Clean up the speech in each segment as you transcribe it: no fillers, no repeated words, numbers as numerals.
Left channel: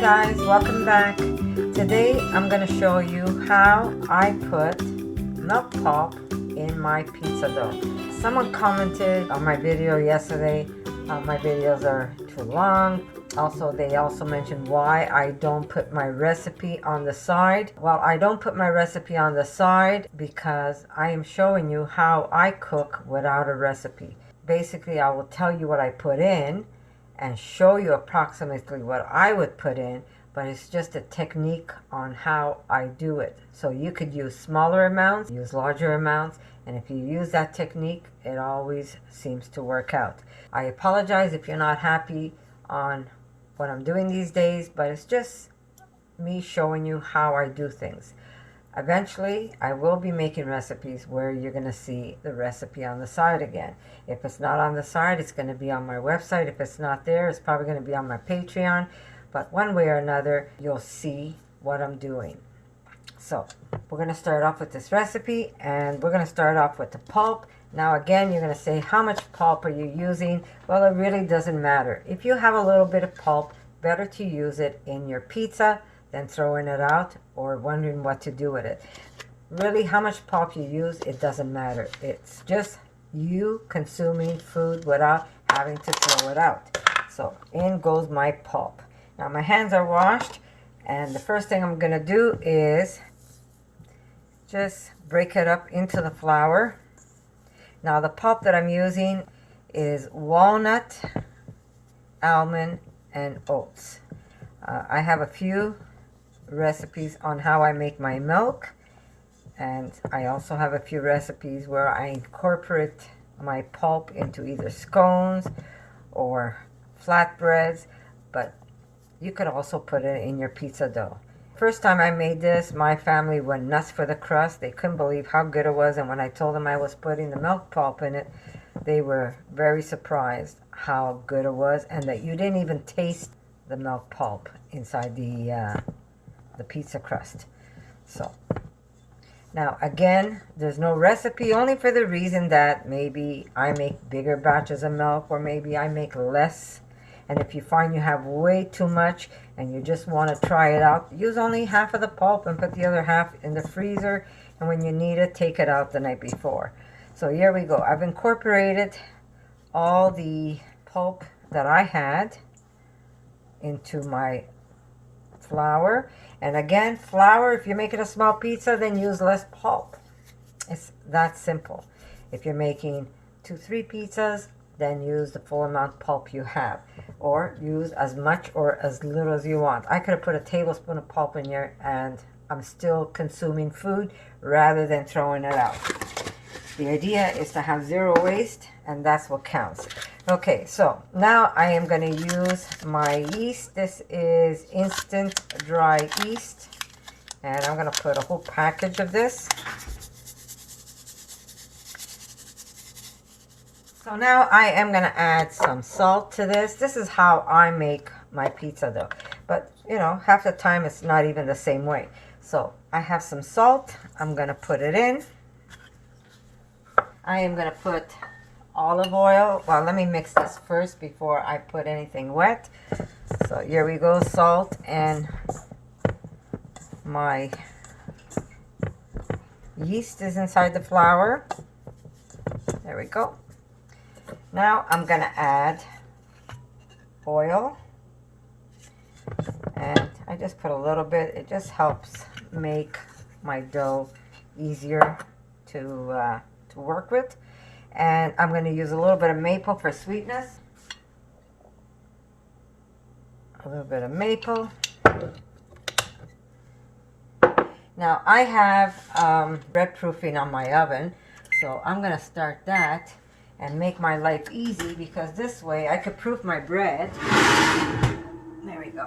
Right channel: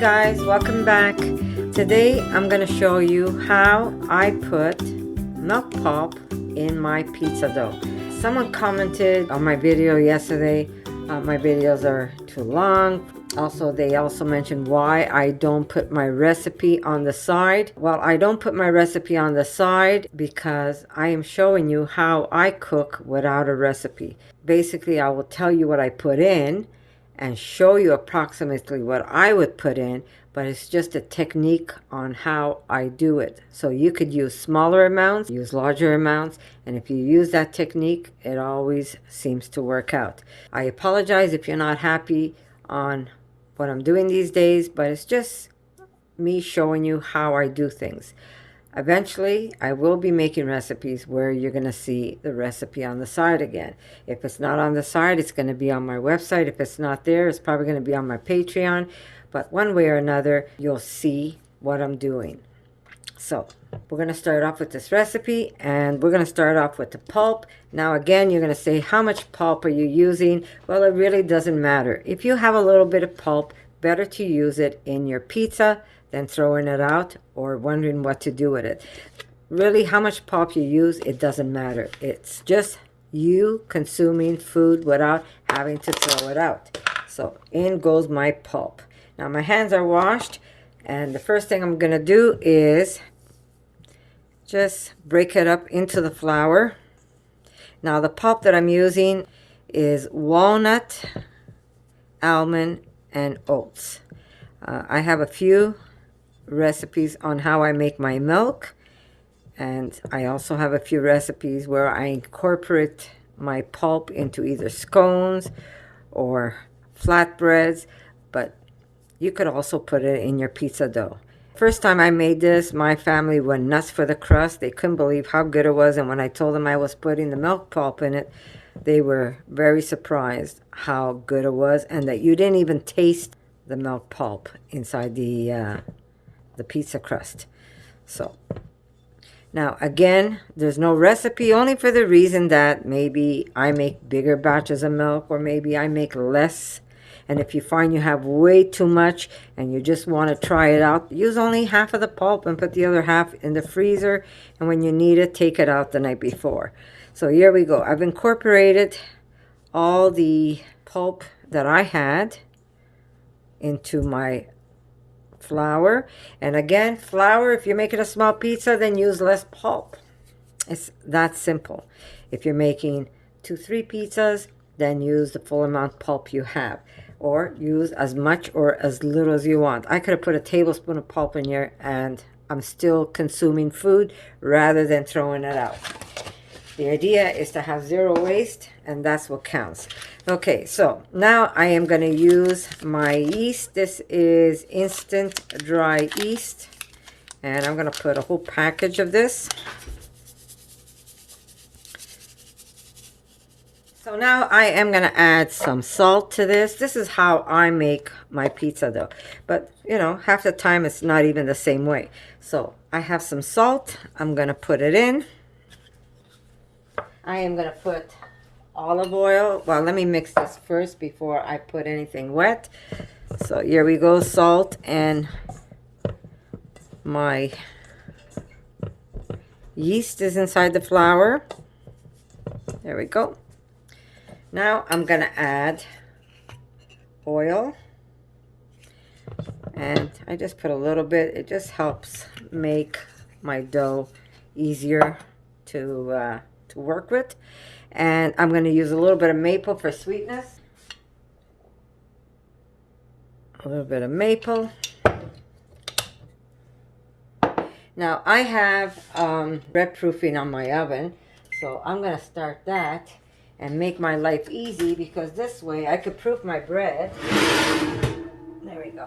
guys, welcome back. Today I'm going to show you how I put milk pulp in my pizza dough. Someone commented on my video yesterday, my videos are too long. Also, they also mentioned why I don't put my recipe on the side. Well, I don't put my recipe on the side because I am showing you how I cook without a recipe. Basically, I will tell you what I put in and show you approximately what I would put in, but it's just a technique on how I do it. So you could use smaller amounts, use larger amounts, and if you use that technique, it always seems to work out. I apologize if you're not happy on what I'm doing these days, but it's just me showing you how I do things. Eventually, I will be making recipes where you're going to see the recipe on the side again. If it's not on the side, it's going to be on my website. If it's not there, it's probably going to be on my Patreon. But one way or another, you'll see what I'm doing. So, we're going to start off with this recipe, and we're going to start off with the pulp. Now again, you're going to say, how much pulp are you using? Well, it really doesn't matter. If you have a little bit of pulp, better to use it in your pizza than throwing it out or wondering what to do with it. Really, how much pulp you use, it doesn't matter. It's just you consuming food without having to throw it out. So in goes my pulp. Now my hands are washed, and the first thing I'm going to do is just break it up into the flour. Now the pulp that I'm using is walnut, almond, and oats. I have a few recipes on how I make my milk, and I also have a few recipes where I incorporate my pulp into either scones or flatbreads, but you could also put it in your pizza dough. First time I made this, my family went nuts for the crust. They couldn't believe how good it was, and when I told them I was putting the milk pulp in it, they were very surprised how good it was, and that you didn't even taste the milk pulp inside the pizza crust. So now again, there's no recipe, only for the reason that maybe I make bigger batches of milk, or maybe I make less. And if you find you have way too much and you just want to try it out, use only half of the pulp and put the other half in the freezer, and when you need it, take it out the night before. So here we go. I've incorporated all the pulp that I had into my flour. And again, flour, if you're making a small pizza, then use less pulp. It's that simple. If you're making 2-3 pizzas, then use the full amount pulp you have, or use as much or as little as you want. I could have put a tablespoon of pulp in here and I'm still consuming food rather than throwing it out. The idea is to have zero waste, and that's what counts. Okay, so now I am going to use my yeast. This is instant dry yeast, and I'm going to put a whole package of this. So now I am going to add some salt to this. This is how I make my pizza dough. But, you know, half the time it's not even the same way. So I have some salt. I'm going to put it in. I am going to put olive oil. Well, let me mix this first before I put anything wet. So here we go, salt, and my yeast is inside the flour. There we go. Now I'm going to add oil, and I just put a little bit. It just helps make my dough easier to work with. And I'm going to use a little bit of maple for sweetness. A little bit of maple. Now I have bread proofing on my oven, so I'm going to start that and make my life easy, because this way I could proof my bread. There we go.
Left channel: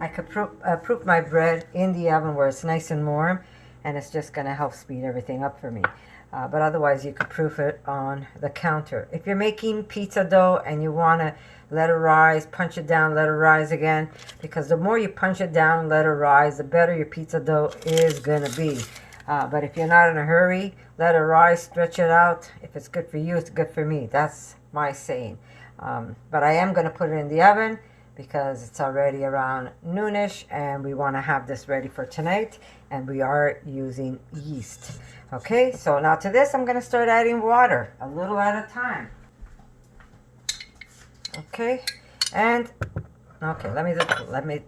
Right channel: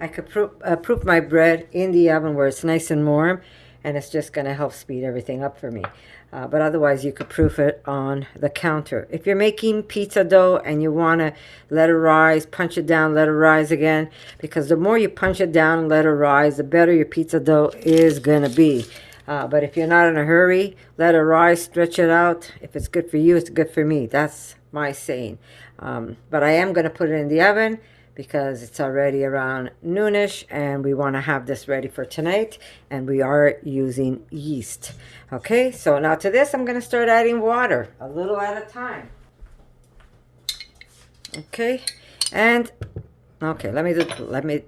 I could proof my bread in the oven where it's nice and warm, and it's just going to help speed everything up for me. But otherwise, you could proof it on the counter. If you're making pizza dough and you want to let it rise, punch it down, let it rise again, because the more you punch it down and let it rise, the better your pizza dough is going to be. But if you're not in a hurry, let it rise, stretch it out. If it's good for you, it's good for me. That's my saying. But I am going to put it in the oven because it's already around noonish and we want to have this ready for tonight, and we are using yeast. Okay, so now to this I'm going to start adding water a little at a time. Okay, and okay, let me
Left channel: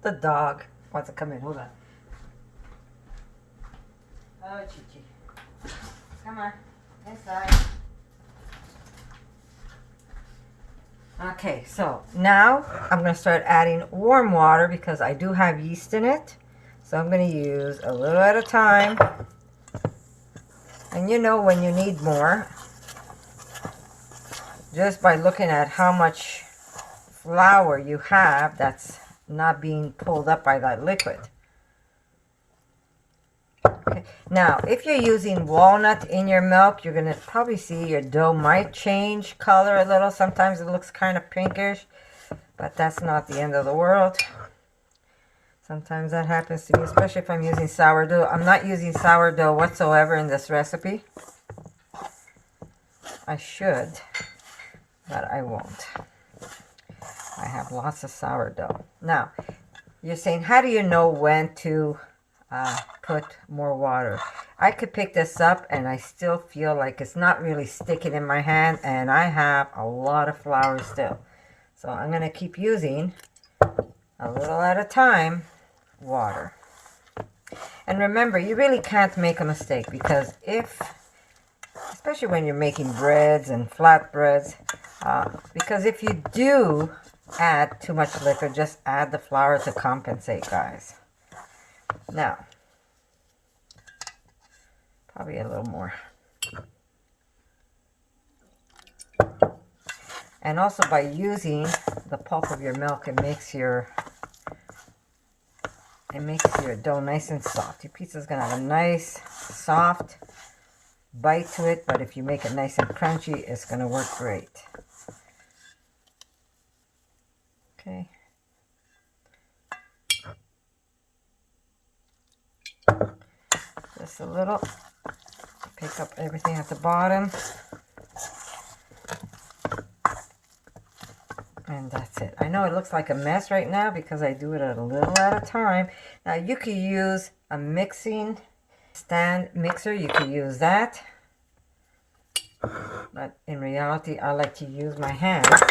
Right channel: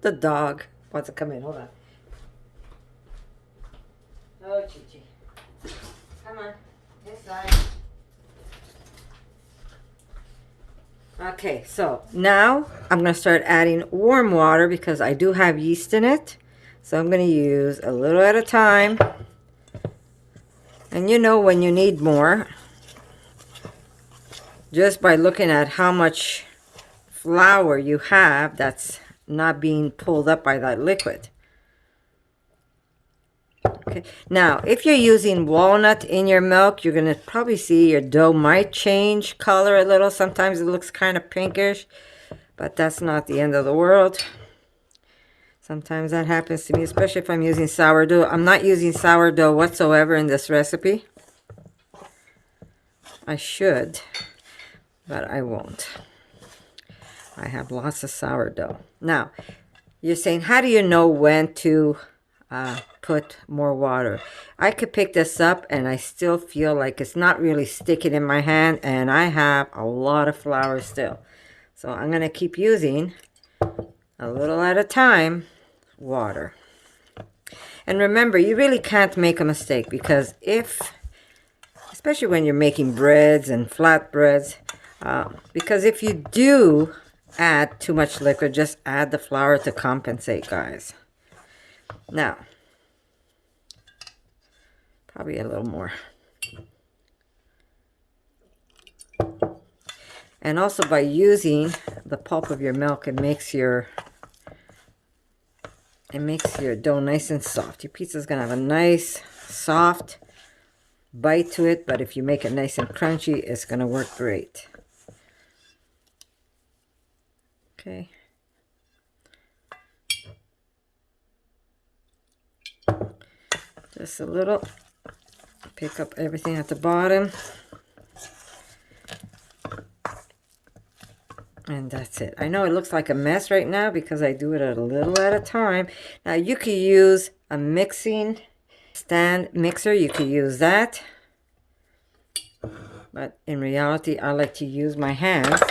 the dog wants to come in. Hold on. Oh, Chi-Chi, come on inside. Okay, so now I'm going to start adding warm water because I do have yeast in it. So I'm going to use a little at a time. And you know when you need more, just by looking at how much flour you have that's not being pulled up by that liquid. Okay, now if you're using walnut in your milk, you're going to probably see your dough might change color a little. Sometimes it looks kind of pinkish, but that's not the end of the world. Sometimes that happens to me, especially if I'm using sourdough. I'm not using sourdough whatsoever in this recipe. I should, but I won't. I have lots of sourdough. Now, you're saying, how do you know when to put more water? I could pick this up and I still feel like it's not really sticking in my hand, and I have a lot of flour still. So I'm going to keep using a little at a time water. And remember, you really can't make a mistake, because especially when you're making breads and flatbreads, because if you do add too much liquid, just add the flour to compensate, guys. Now, probably a little more. And also by using the pulp of your milk, it makes your dough nice and soft. Your pizza's gonna have a nice, soft bite to it, but if you make it nice and crunchy, it's gonna work great. Okay. Just a little. Pick up everything at the bottom. And that's it. I know it looks like a mess right now because I do it a little at a time. Now you could use a mixing stand mixer. You could use that. But in reality, I like to use my hands.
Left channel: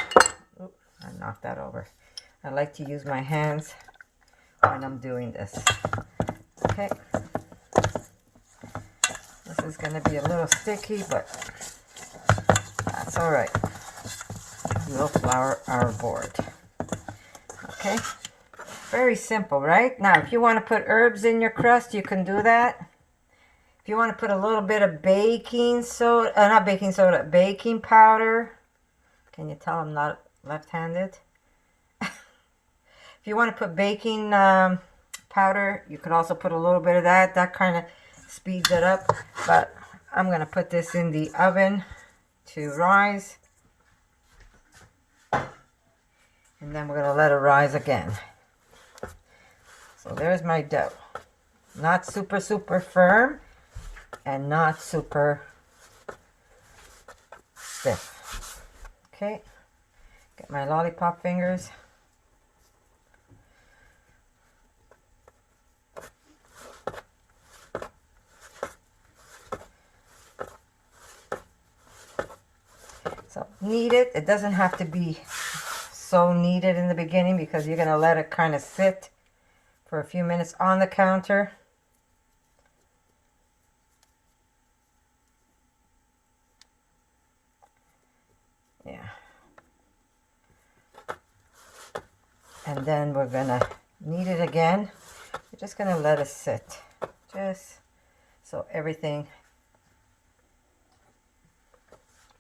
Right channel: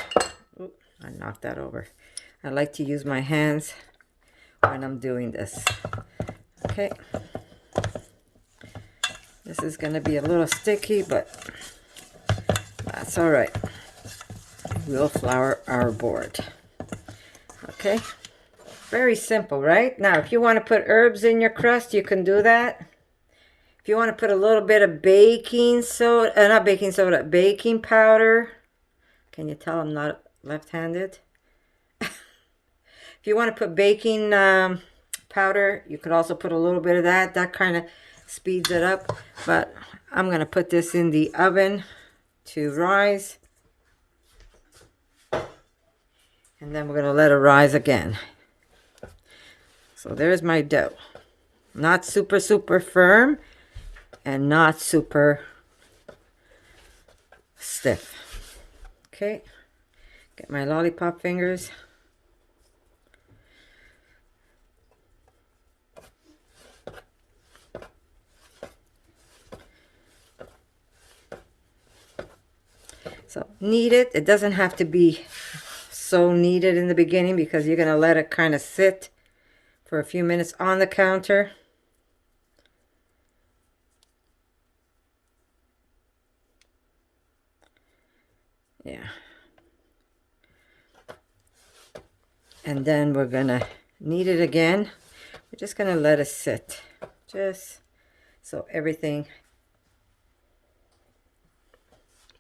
Oop, I knocked that over. I like to use my hands when I'm doing this. Okay. This is going to be a little sticky, but that's all right. We'll flour our board. Okay, very simple, right? Now, if you want to put herbs in your crust, you can do that. If you want to put a little bit of baking soda, not baking soda, baking powder. Can you tell I'm not left-handed? If you want to put baking powder, you could also put a little bit of that. That kind of speeds it up. But I'm going to put this in the oven to rise. And then we're going to let it rise again. So there's my dough. Not super, super firm and not super stiff. Okay. Get my lollipop fingers. So knead it. It doesn't have to be so kneaded in the beginning because you're going to let it kind of sit for a few minutes on the counter. Yeah. And then we're going to knead it again. We're just going to let it sit just so everything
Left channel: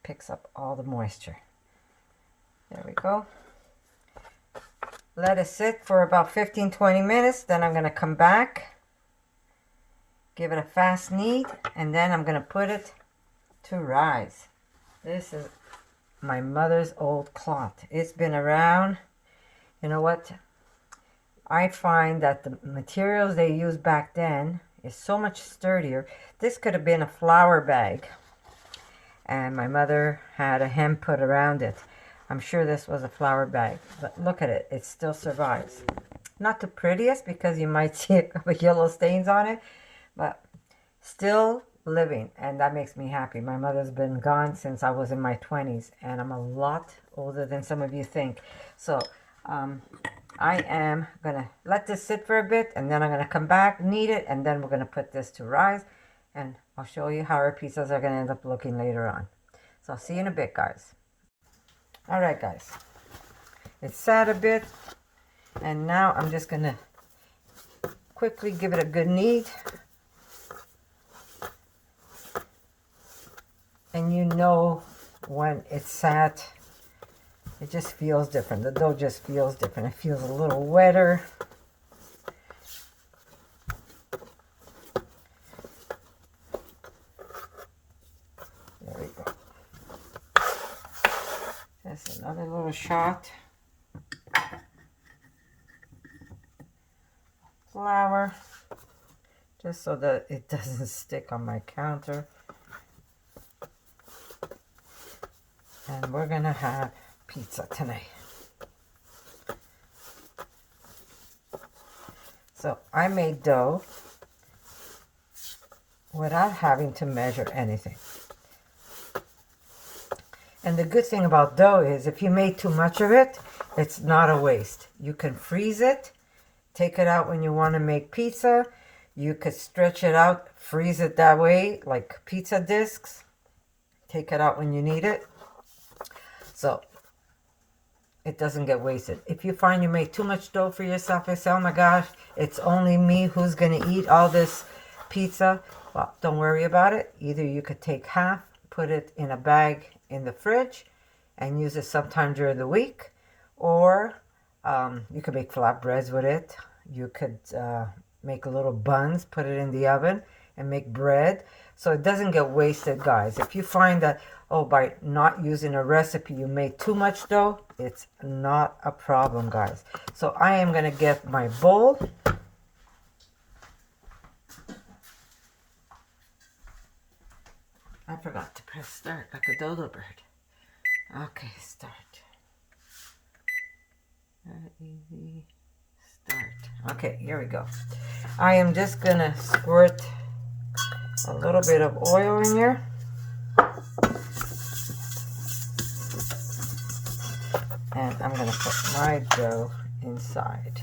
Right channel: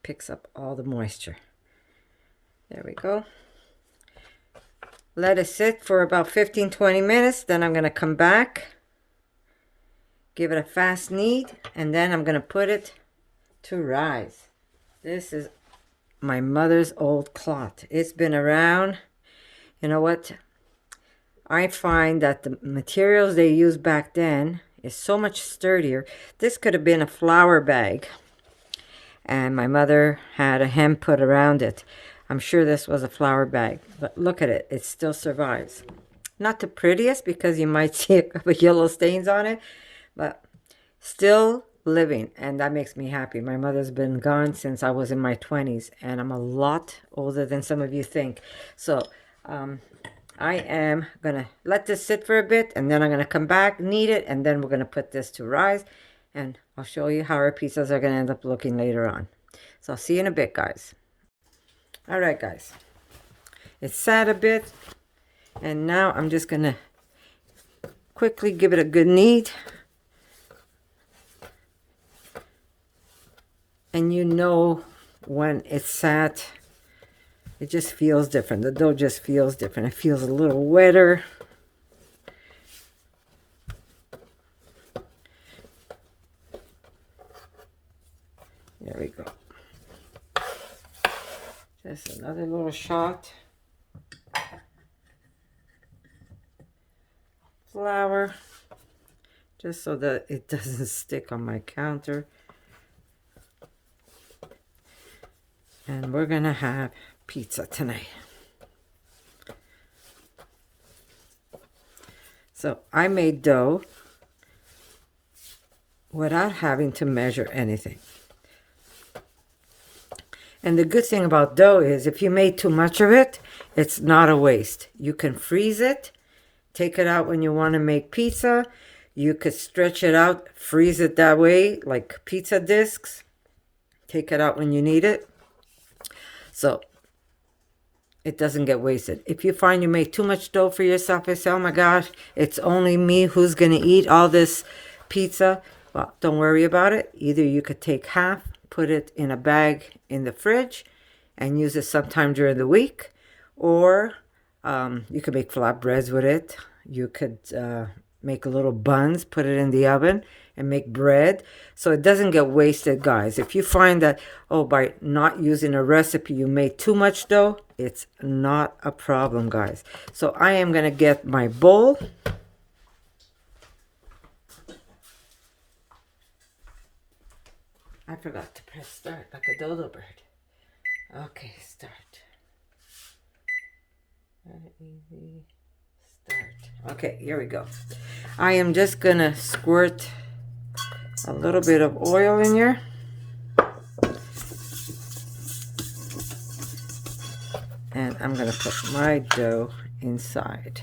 picks up all the moisture. There we go. Let it sit for about 15-20 minutes. Then I'm going to come back, give it a fast knead, and then I'm going to put it to rise. This is my mother's old cloth. It's been around. You know what? I find that the materials they used back then is so much sturdier. This could have been a flour bag, and my mother had a hem put around it. I'm sure this was a flour bag, but look at it. It still survives. Not the prettiest because you might see a couple of yellow stains on it, but still living, and that makes me happy. My mother's been gone since I was in my 20s, and I'm a lot older than some of you think. So I am gonna let this sit for a bit, and then I'm gonna come back, knead it, and then we're gonna put this to rise, and I'll show you how our pizzas are gonna end up looking later on. So I'll see you in a bit, guys. All right, guys, it's sat a bit, and now I'm just gonna quickly give it a good knead. And you know when it's sat, it just feels different. The dough just feels different. It feels a little wetter. There we go. Just another little shot. Flour, just so that it doesn't stick on my counter. And we're gonna have pizza tonight. So I made dough without having to measure anything. And the good thing about dough is if you made too much of it, it's not a waste. You can freeze it, take it out when you want to make pizza. You could stretch it out, freeze it that way, like pizza discs. Take it out when you need it. So it doesn't get wasted. If you find you make too much dough for yourself, you say, oh my gosh, it's only me who's going to eat all this pizza. Well, don't worry about it. Either you could take half, put it in a bag in the fridge, and use it sometime during the week. Or you could make flatbreads with it. You could make little buns, put it in the oven, and make bread. So it doesn't get wasted, guys. If you find that, oh, by not using a recipe, you made too much dough, it's not a problem, guys. So I am going to get my bowl. I forgot to press start like a dodo bird. Okay, start. Easy. Start. Okay, here we go. I am just going to squirt a little bit of oil in here. And I'm going to put my dough inside.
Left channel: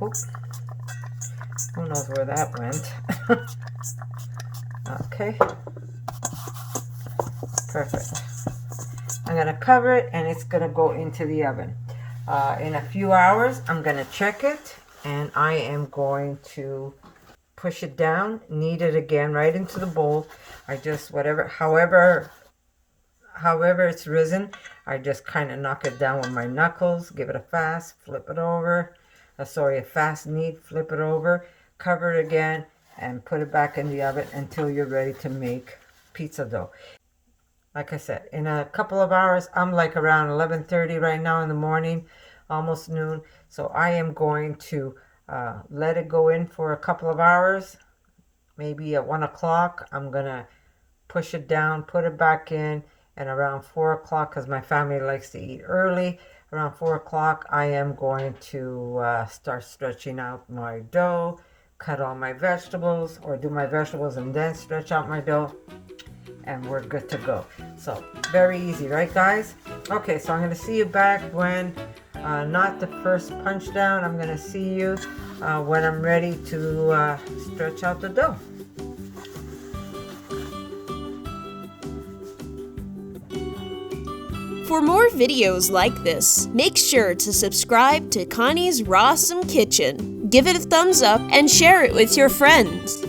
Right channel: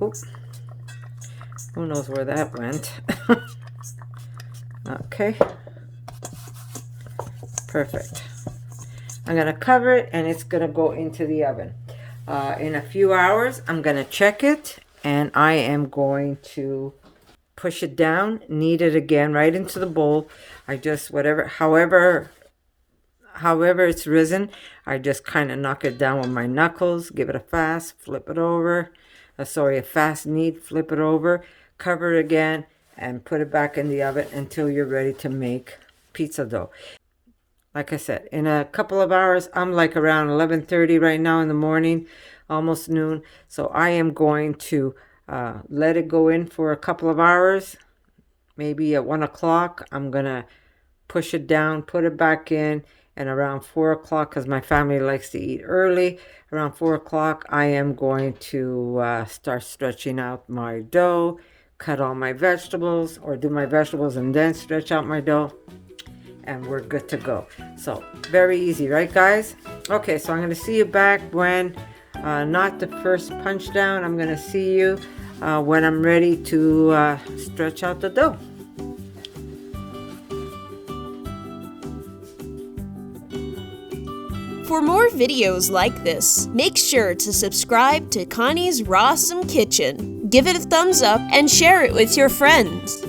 Oops. Who knows where that went? Okay. Perfect. I'm going to cover it, and it's going to go into the oven. In a few hours, I'm going to check it, and I am going to push it down, knead it again right into the bowl. I just, however it's risen, I just kind of knock it down with my knuckles, give it a fast, flip it over. A fast knead, flip it over, cover it again, and put it back in the oven until you're ready to make pizza dough. Like I said, in a couple of hours, I'm like around 11:30 right now in the morning, almost noon. So I am going to let it go in for a couple of hours. Maybe at 1 o'clock, I'm going to push it down, put it back in, and around 4 o'clock, because my family likes to eat early, around 4 o'clock, I am going to start stretching out my dough, cut all my vegetables, or do my vegetables and then stretch out my dough, and we're good to go. So very easy, right, guys? Okay, so I'm going to see you back when, not the first punch down, I'm going to see you when I'm ready to stretch out the dough. For more videos like this, make sure to subscribe to Connie's RAWsome Kitchen, give it a thumbs up, and share it with your friends.